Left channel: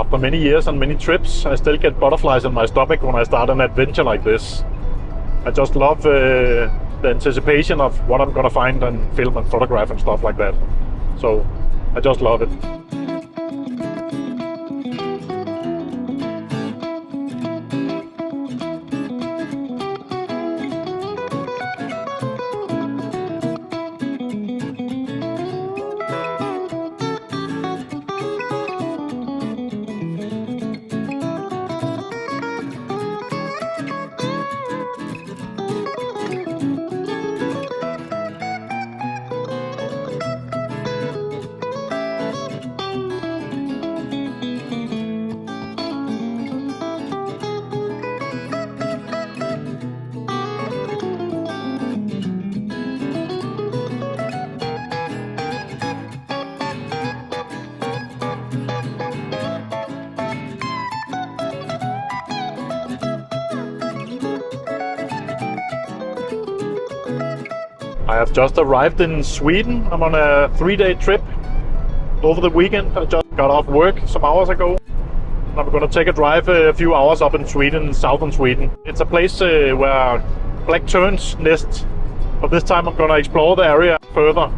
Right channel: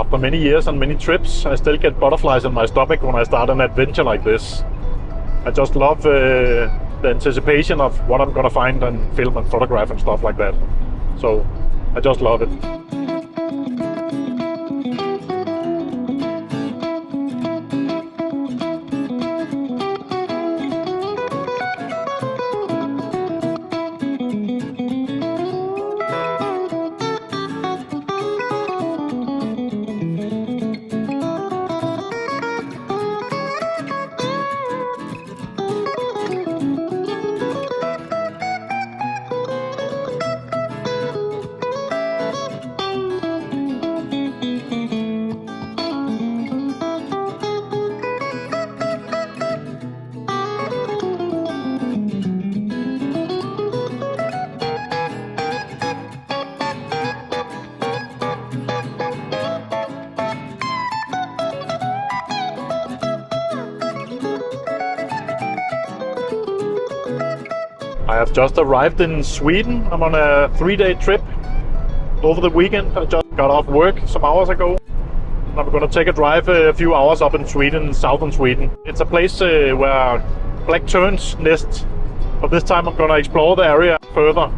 After many years and many trips, I still get butterflies in my stomach when I start an adventure like this. I just love the anticipation of what I'm gonna find and film and photograph and stuff like that. So I just love it. I have just arrived in Sweden. I'm on a 3-day trip over the weekend. I just got off work some hours ago. I'm going to take a drive a few hours up in Sweden, southern Sweden. It's a place where black terns nest, but this time I'm going to explore the area further.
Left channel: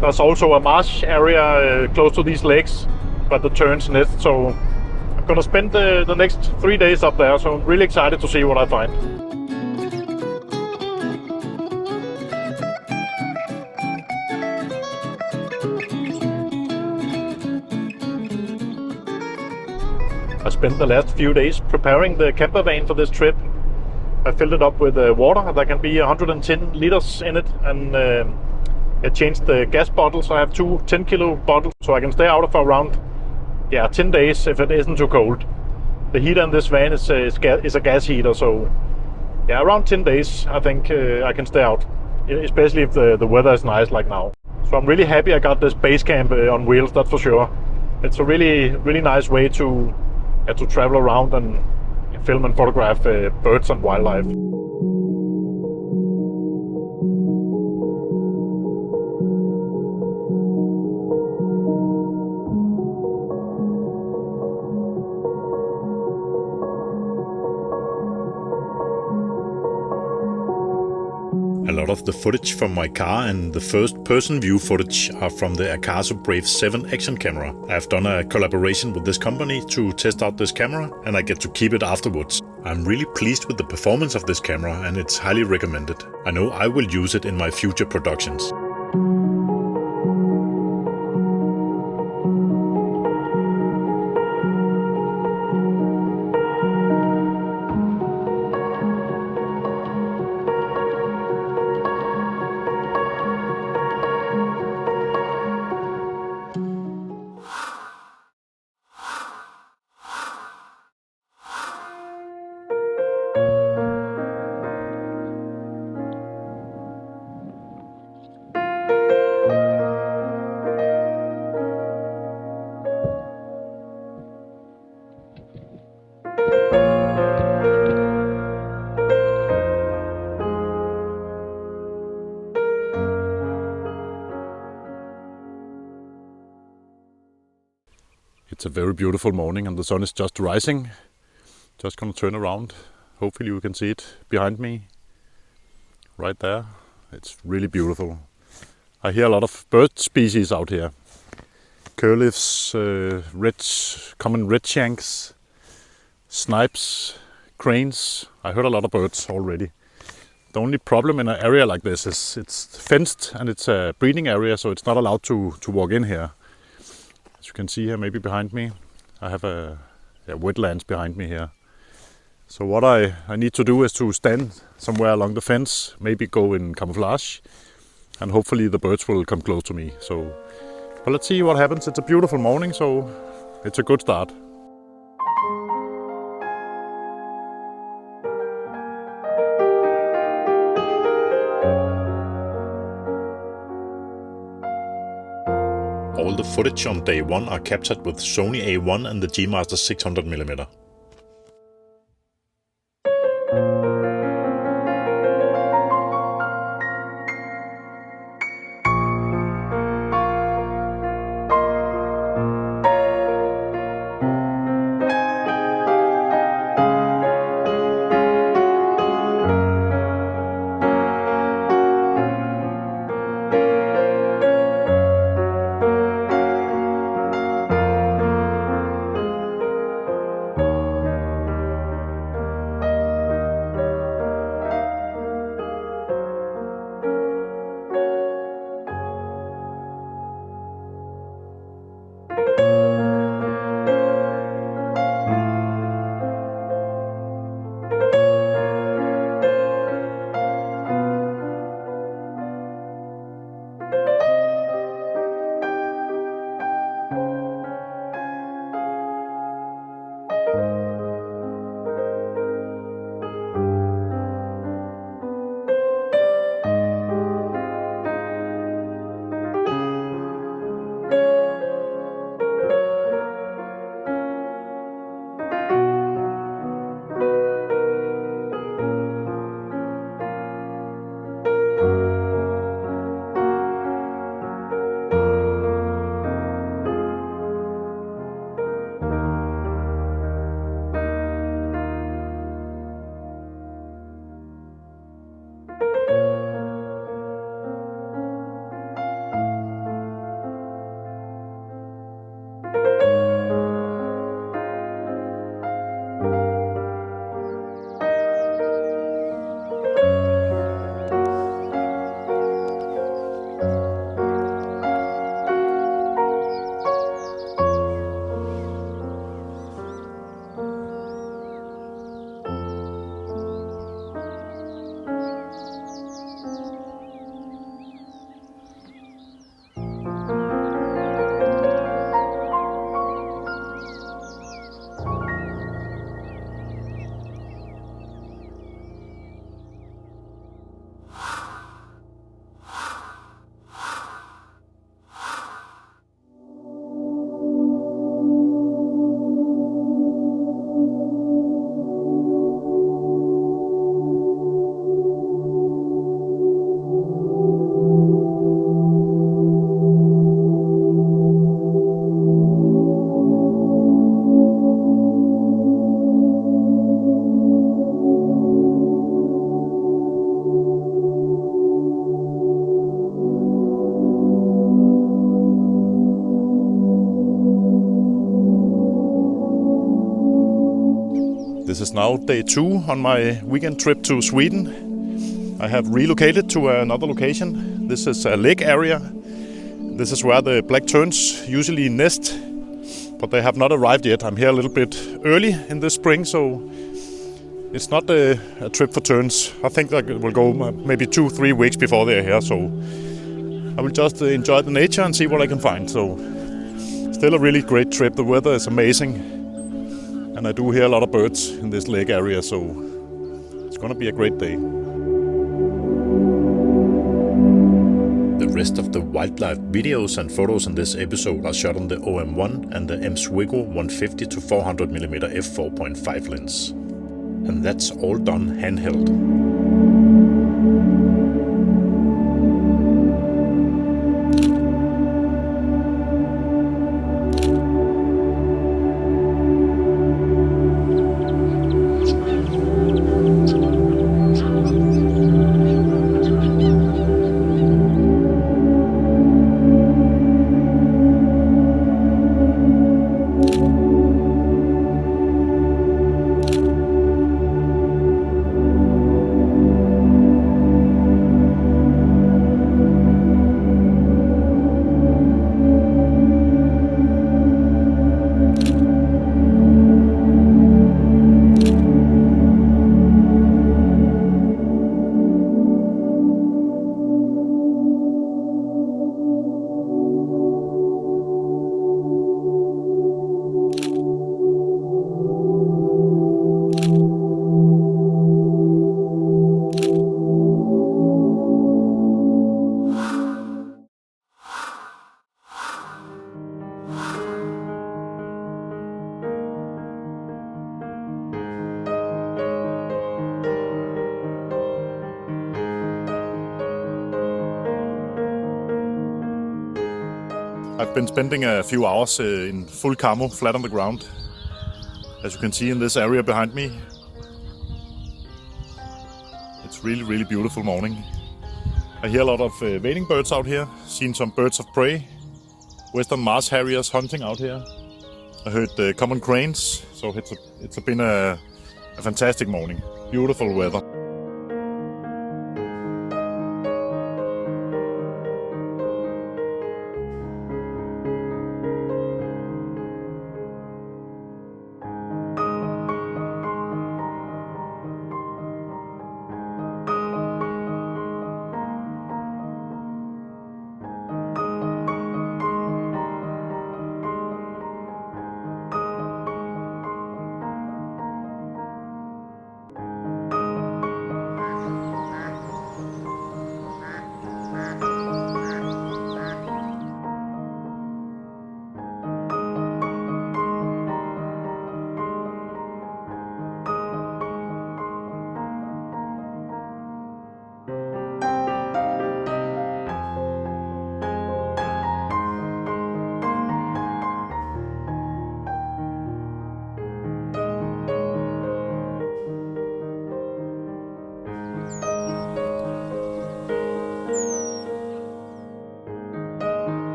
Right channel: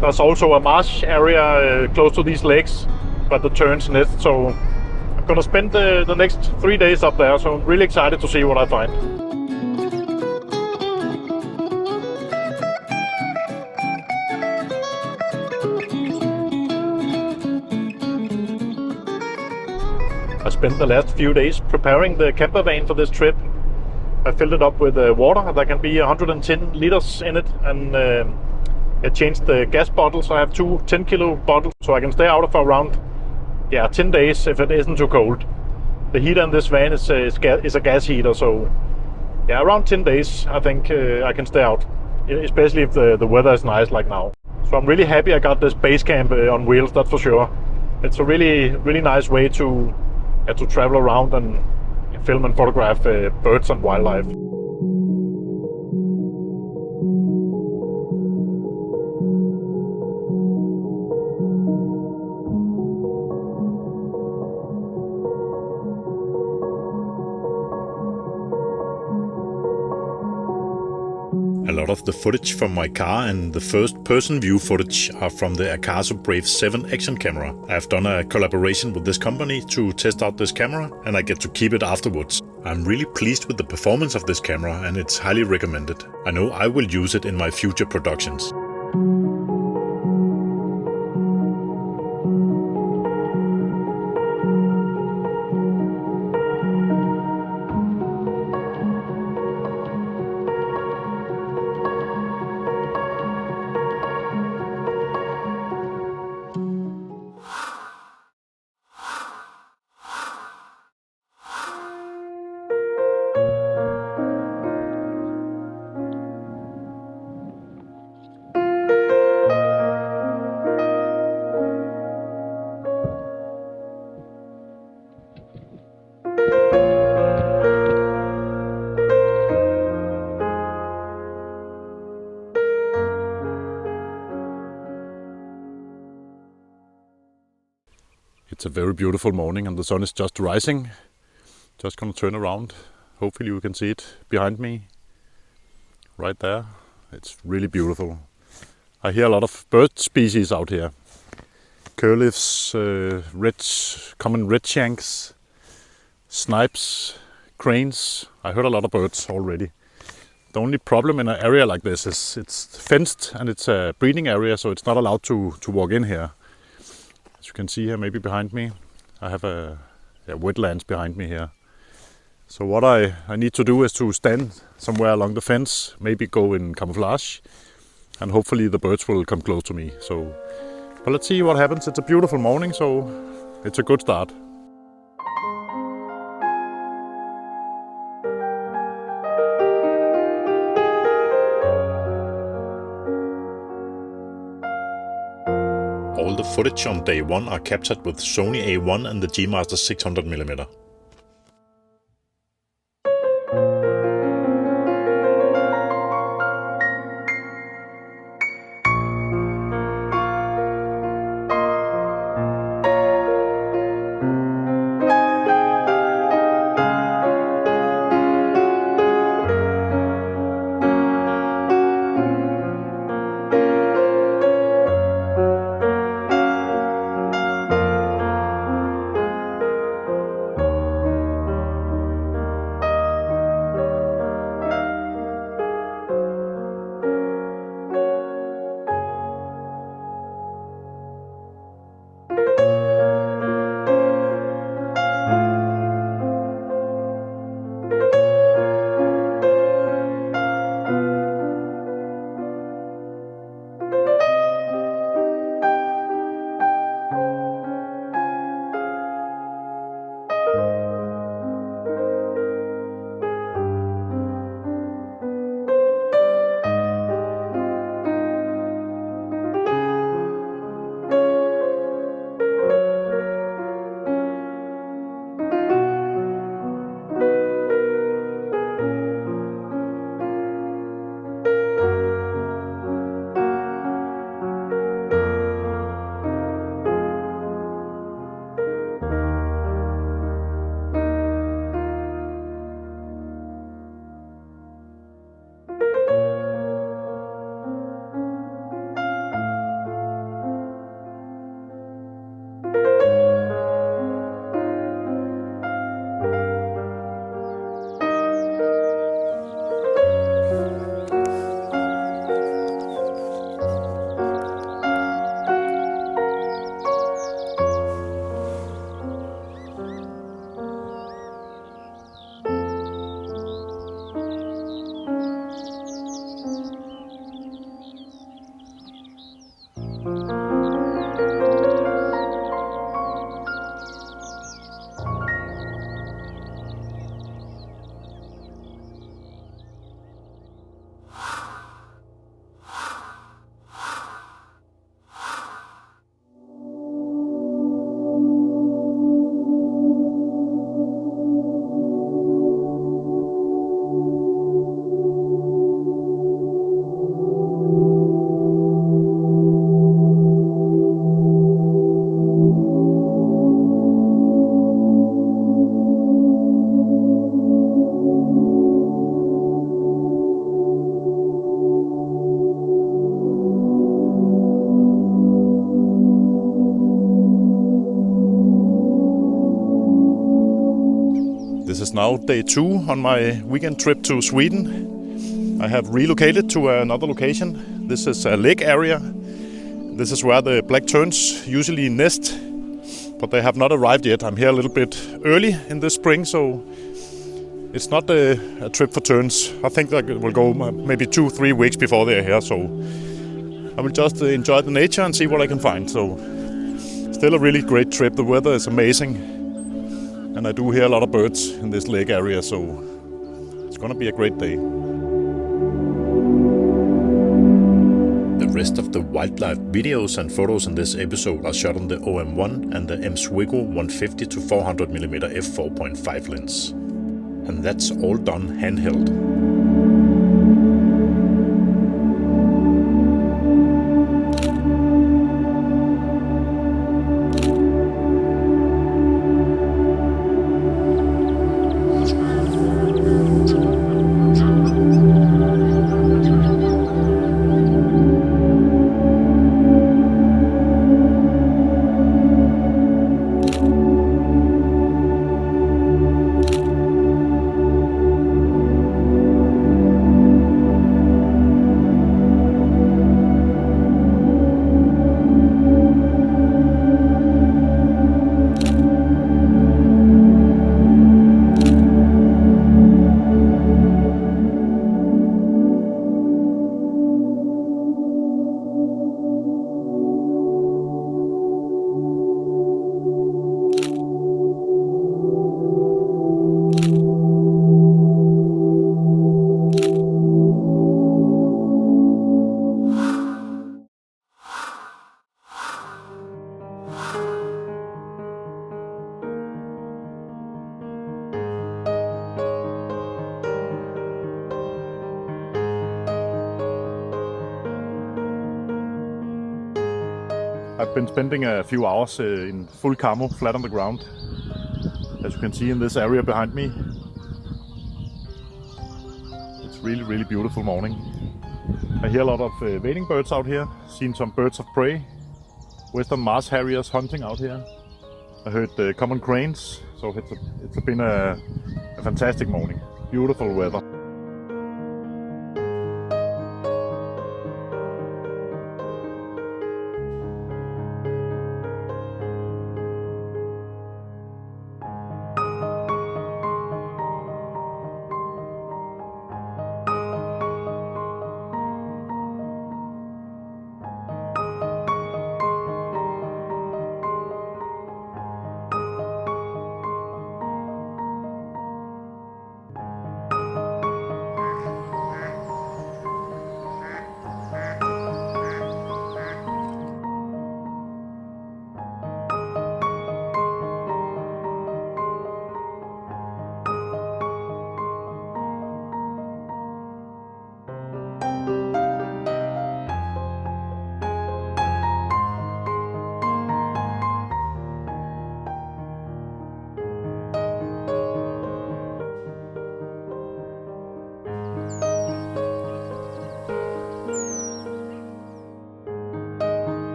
There's also a marsh area close to these lakes where the terns nest, so I'm going to spend the next 3 days up there, so I'm really excited to see what I find. I spent the last few days preparing the camper van for this trip. I filled it up with water. There can be 110 liters in it, and I changed the gas bottles. I have two 10-kilo bottles, so I can stay out for around 10 days if it isn't too cold. The heater in this van is a gas heater, so around 10 days I think I can stay out, especially if the weather is nice like now. So I'm really happy I got this base camp on wheels, that's for sure. It's a really nice way to travel around and film and photograph birds and wildlife. A lot of the footage from my car and the first-person view footage are from the Akaso Brave 7 action camera. I have done a collaboration with this company to test out this camera, and I get to keep it afterwards. I'm really pleased with the performance of this camera, and it's highly recommended. I know I will use it in my future productions. It's a very beautiful morning and the sun is just rising. Just gonna turn around. Hopefully you can see it behind me. Right there. It's really beautiful. I hear a lot of bird species out here. curlews, common red shanks, snipes, cranes. I heard a lot of birds already. The only problem in an area like this is it's fenced and it's a breeding area, so it's not allowed to walk in here. As you can see here, maybe behind me, I have a wetlands behind me here. So what I need to do is to stand somewhere along the fence, maybe go in camouflage, and hopefully the birds will come close to me. But let's see what happens. It's a beautiful morning, so it's a good start. All the footage on day one are captured with Sony A1 and the Gmaster 600mm. This is now day 2 on my weekend trip to Sweden. I have relocated to another location. This is a lake area. This is where the black terns usually nest, but they have not arrived yet. I'm here a little bit early in the spring, so it's not a trip for terns. I think that it will go maybe 2-3 weeks before they're here, so I will just enjoy the nature and see what I can find. So still a really great trip. The weather is amazing, and I do hear a lot of birds in this lake area, so it's gonna be a great day. The rest of the wildlife videos and photos in this episode are shot on the OM-1 and the M.Zuiko 150 to 400mm f4.5 lens. And that's all done handheld. I've been spending a few hours in full camo, flat on the ground. As you can see in this area behind me. It's really beautiful morning. I hear a lot of wading birds out here. Seen some birds of prey. Western Mars harriers hunting out here. I heard common cranes. So it's been a fantastic morning. Beautiful weather.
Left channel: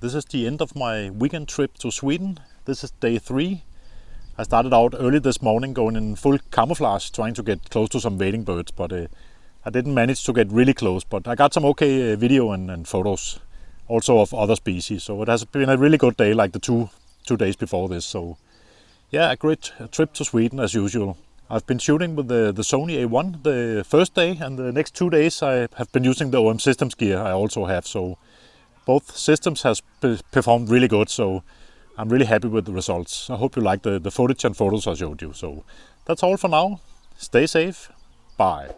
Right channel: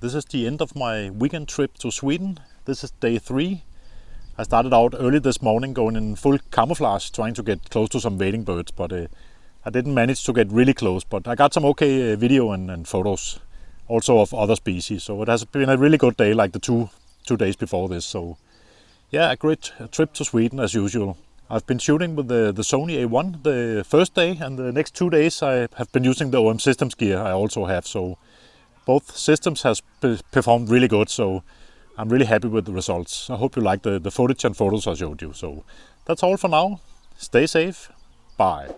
This is the end of my weekend trip to Sweden. This is day 3. I started out early this morning going in full camouflage, trying to get close to some wading birds, but I didn't manage to get really close, but I got some okay video and photos, also of other species. So it has been a really good day, like the two days before this. So yeah, a great trip to Sweden as usual. I've been shooting with the Sony A1 the first day, and the next 2 days I have been using the OM Systems gear I also have. So both systems has performed really good, so I'm really happy with the results. I hope you like the footage and photos I showed you. So that's all for now. Stay safe. Bye.